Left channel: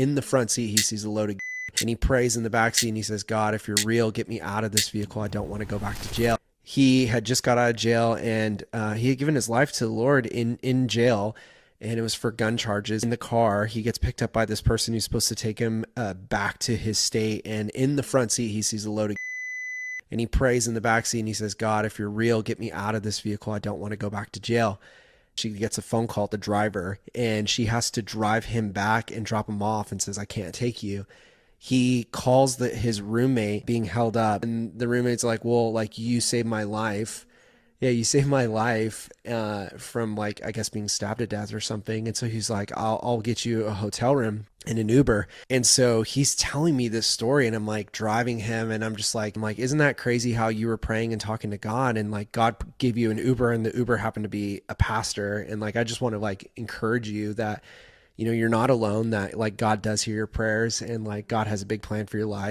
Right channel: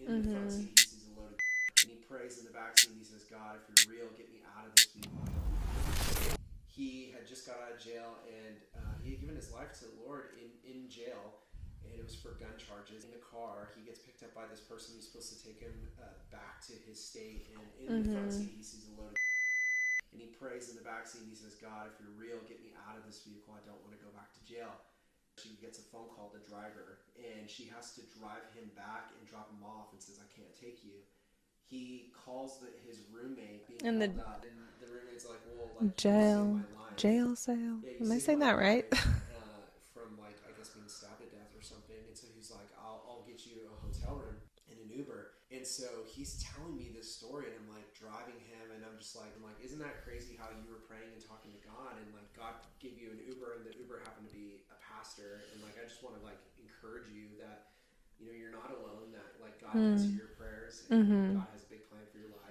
in the front seat, he sees a load of and he prays in the back seat and he says, God, if you're real, get me out of this vehicle. I don't want to go back to jail. He had just got out of jail, and he had given his life to the Lord in jail, and it was for gun charges. In the car, he gets picked up by this person who's supposed to take him back to his state, and in the front seat, he sees a load of and he prays in the back seat and he says, God, if you're real, get me out of this vehicle. I don't want to go back to jail. She gets a phone call to the driver, and she has to drive him back and drop him off and says, I can't take you. He calls his roommate being held up, and the roommate's like, well, like, you saved my life. Jail cell. Yeah, you saved my that right? life from, like, I guess being stabbed to death or something. And so he's like, I'll get you a hotel room and an Uber. And so he's telling me this story, and I'm like driving him, and I'm like, isn't that crazy how you were praying and talking to God, and like God gave you an Uber, and the Uber happened to be a pastor. And like, I just want to like encourage you that, you're not alone, that like God does hear your prayers, and like God has a big plan for your life.